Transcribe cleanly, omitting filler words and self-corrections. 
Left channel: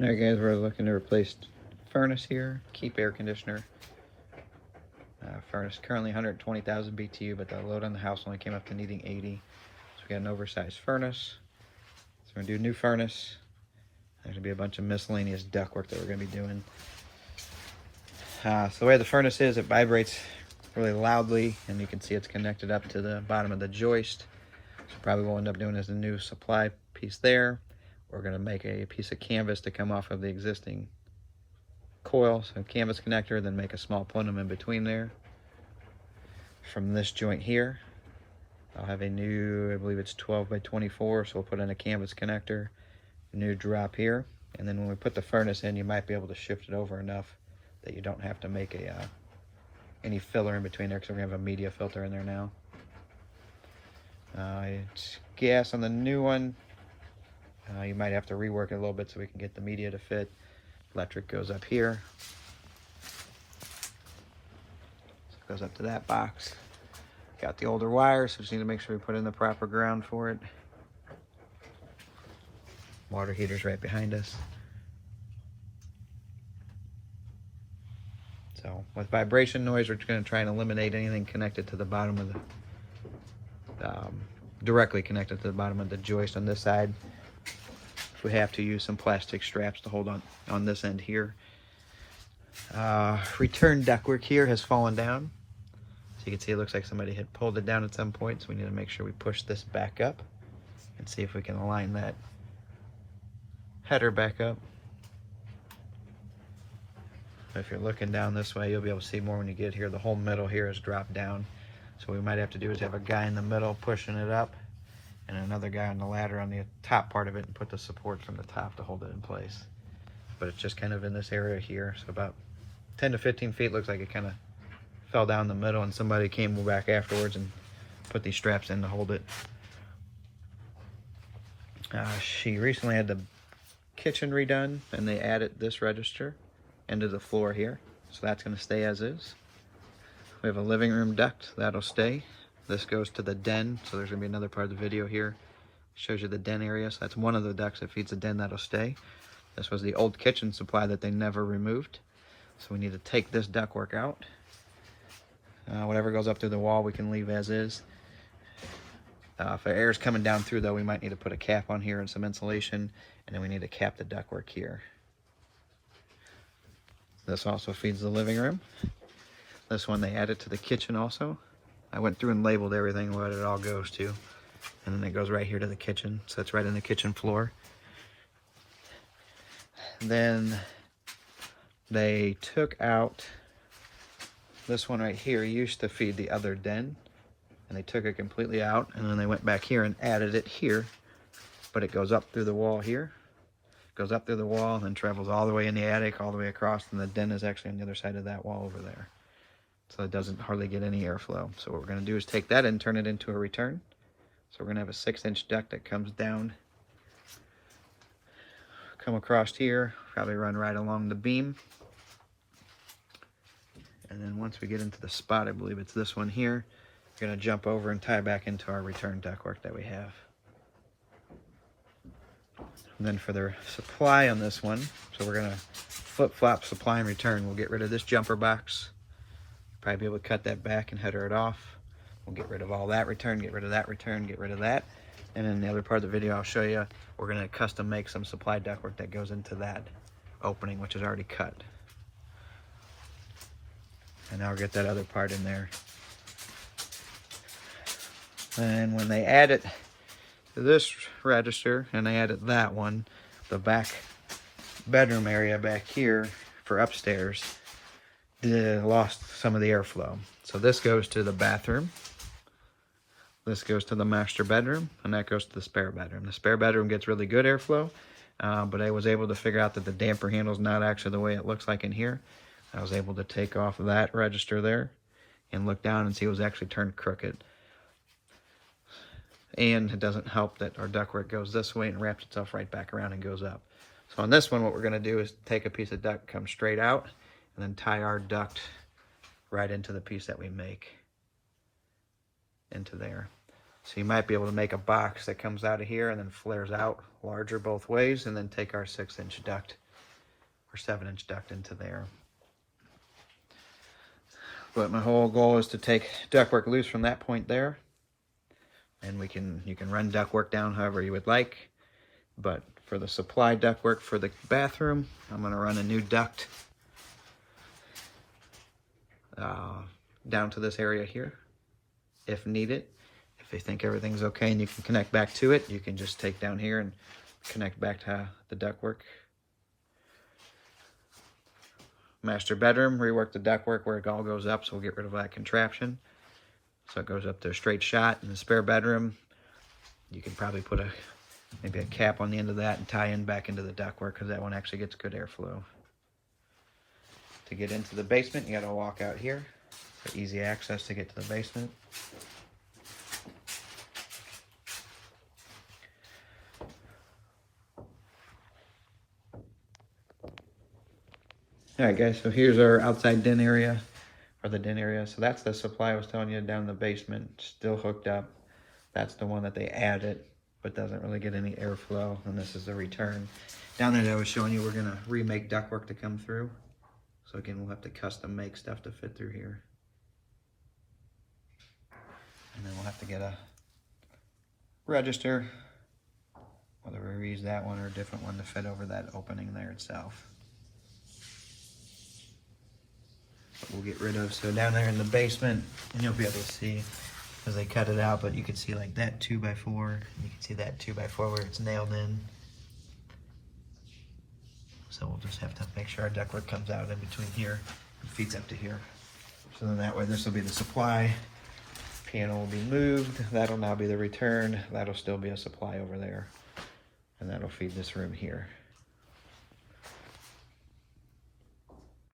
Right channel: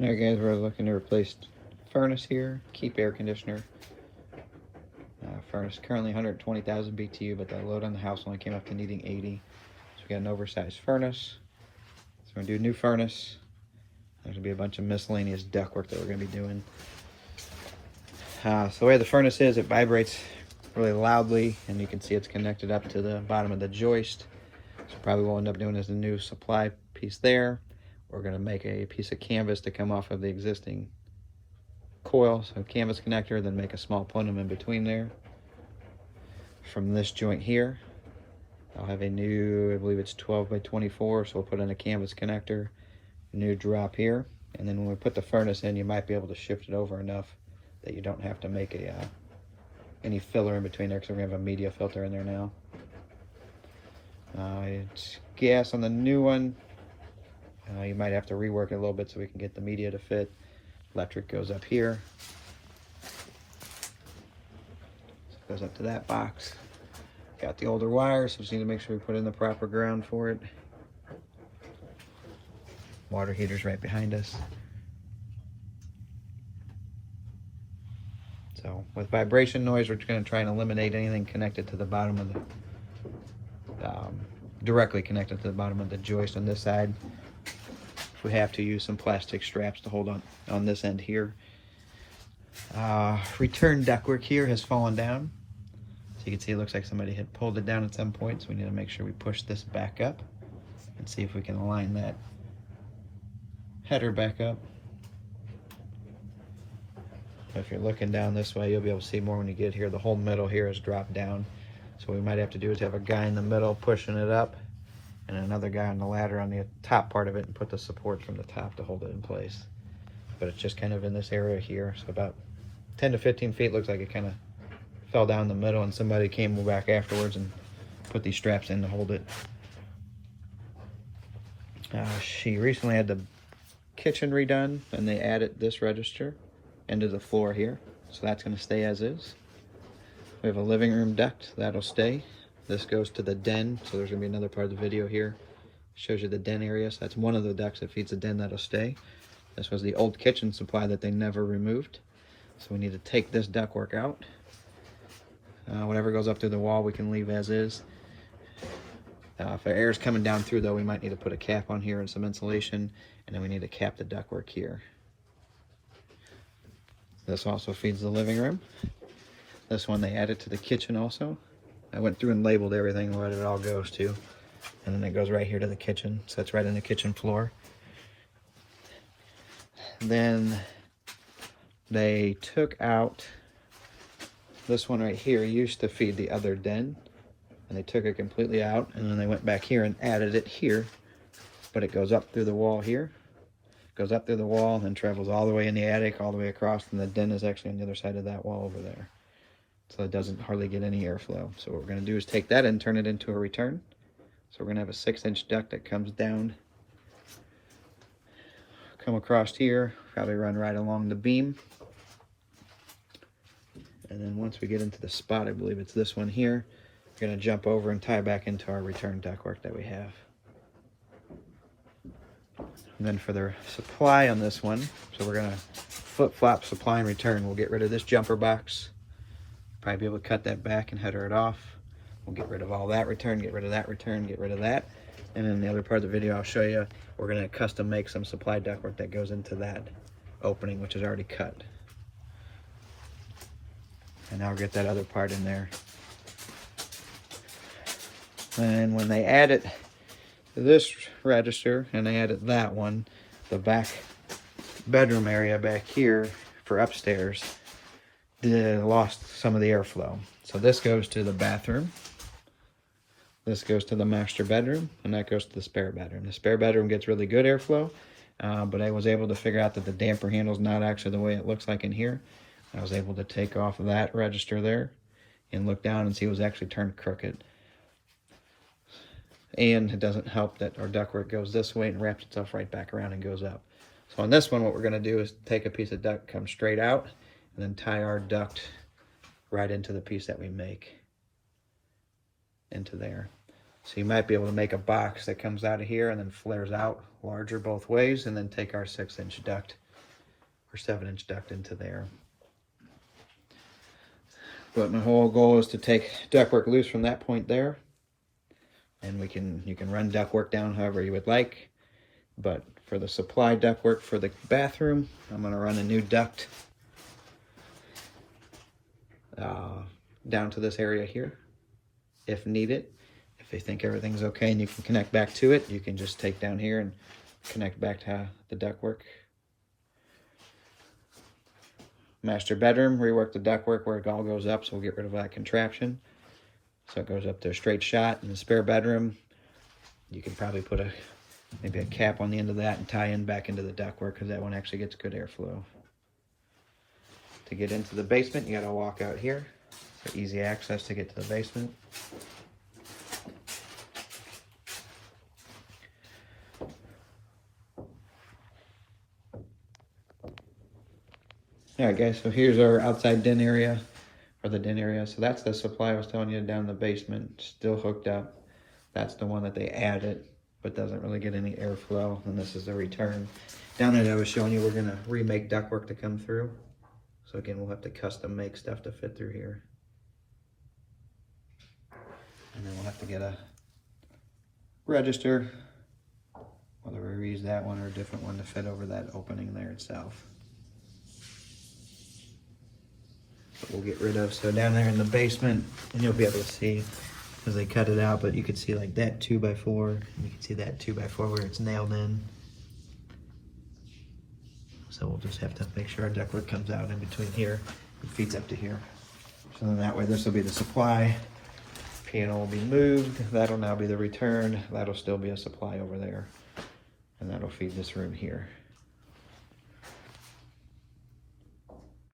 Alright guys, we're looking to replace furnace here, keep air conditioner. Furnace currently 120,000 BTU, but the load on the house only came up to needing 80. So we got an oversized furnace. So we're gonna do a new furnace. There's gonna be a bunch of miscellaneous ductwork that we're gonna be doing. So the way the furnace is, it vibrates really loudly, and you can see it's connected up to the bottom of the joist. So probably what we'll end up doing is a new supply piece there. We're going to make a piece of canvas to come off of the existing coil, so canvas connector, then make a small plenum in between there. From this joint here, I'll have a new, I believe it's 12 by 24, so we'll put in a canvas connector, a new drop here, and then when we put the furnace in, you might be able to shift it over enough that you don't have to make any filler in between there, because we have a media filter in there now. It's gas on the new one. You might have to rework it a little bit so we can get the media to fit. Electric goes up here. So it goes up to that box. Got the older wires, so just need to make sure we put in the proper ground for it. Water heater's right behind us. So with vibration noise, we're just going to try and eliminate anything connected to the bottom of the, directly connected to the bottom of the joist on this side. So we have to use some plastic straps to hold on this end here. Return ductwork here has fallen down. So you can see it looks like somebody had pulled it down at some point. So we need to make sure we push this back up and see if we can align that header back up. If you're looking down this way, you'll be able to see more when you get here. The whole middle here is dropped down. So what we might have to do is have a guy in the middle pushing it up, and another guy on the ladder on the top part of it, and put the supports from the top to hold it in place. But it's just kind of in this area here, so about 10 to 15 feet. Looks like it kind of fell down the middle, and somebody came back afterwards and put these straps in to hold it. She recently had the kitchen redone, and they added this register into the floor here, so that's going to stay as is. We have a living room duct, that'll stay. This goes to the den, so there's going to be another part of the video here. Shows you the den area, so that's one of the ducts that feeds the den, that'll stay. This was the old kitchen supply that they never removed. So we need to take this ductwork out. Whatever goes up through the wall we can leave as is. If the air is coming down through though, we might need to put a cap on here and some insulation, and then we need to cap the ductwork here. This also feeds the living room. This one they added to the kitchen also. I went through and labeled everything what it all goes to. And then it goes right here to the kitchen. So that's right in the kitchen floor. Then they took out this one right here. Used to feed the other den. And they took it completely out. And then they went back here and added it here. But it goes up through the wall here. Goes up through the wall and then travels all the way in the attic, all the way across. And the den is actually on the other side of that wall over there. So it doesn't hardly get any airflow. So what we're going to do is take that and turn it into a return. So we're going to have a 6-inch duct that comes down, come across here, probably run right along the beam. And then once we get into the spot, I believe it's this one here, we're going to jump over and tie back into our return ductwork that we have. And then for the supply on this one, so we're going to flip-flop supply and return. We'll get rid of this jumper box. Probably be able to cut that back and header it off. We'll get rid of all that return, get rid of that return, get rid of that. And then the other part of the video I'll show you, we're going to custom make some supply ductwork that goes into that opening, which is already cut. And I'll get that other part in there. And when they added this register and they added that one, the back bedroom area back here for upstairs, they lost some of the airflow. So this goes to the bathroom, this goes to the master bedroom, and that goes to the spare bedroom. The spare bedroom gets really good airflow, but I was able to figure out that the damper handle is not actually the way it looks like in here. I was able to take off that register there and look down and see it was actually turned crooked. And it doesn't help that our ductwork goes this way and wraps itself right back around and goes up. So on this one, what we're going to do is take a piece of duct, come straight out, and then tie our duct right into the piece that we make into there. So you might be able to make a box that comes out of here and then flares out larger both ways, and then take our 6-inch duct or 7-inch duct into there. But my whole goal is to take ductwork loose from that point there, and you can run ductwork down however you would like. But for the supply ductwork for the bathroom, I'm going to run a new duct down to this area here, if needed. If you think everything's okay and you can connect back to it, you can just take down here and connect back to the ductwork. Master bedroom, rework the ductwork where it all goes up, so we'll get rid of that contraption. So it goes up to a straight shot. In the spare bedroom, you can probably put maybe a cap on the end of that and tie in back into the ductwork, because that one actually gets good airflow. To get into the basement, you gotta walk out here. So easy access to get to the basement. Alright guys, so here's our outside den area, or the den area. So that's the supply I was telling you down in the basement, still hooked up. That's the one that they added, but doesn't really get any airflow, and this is the return. Down there that I was showing you, we're gonna remake ductwork to come through. So again, we'll have to custom make stuff to fit through here. And then we'll have to get a register, whether we reuse that one or a different one to fit over that opening there itself. But we'll get rid of, so down there in the basement, and you'll be able to see as I cut it out, but you can see like that 2x4, you can see that 2x4 where it's nailed in. So we'll just have to make sure our ductwork comes out in between here, it feeds up to here. So then that way this will be the supply, panel will be moved, that'll now be the return, that'll still be a supply over there, and that'll feed this room here.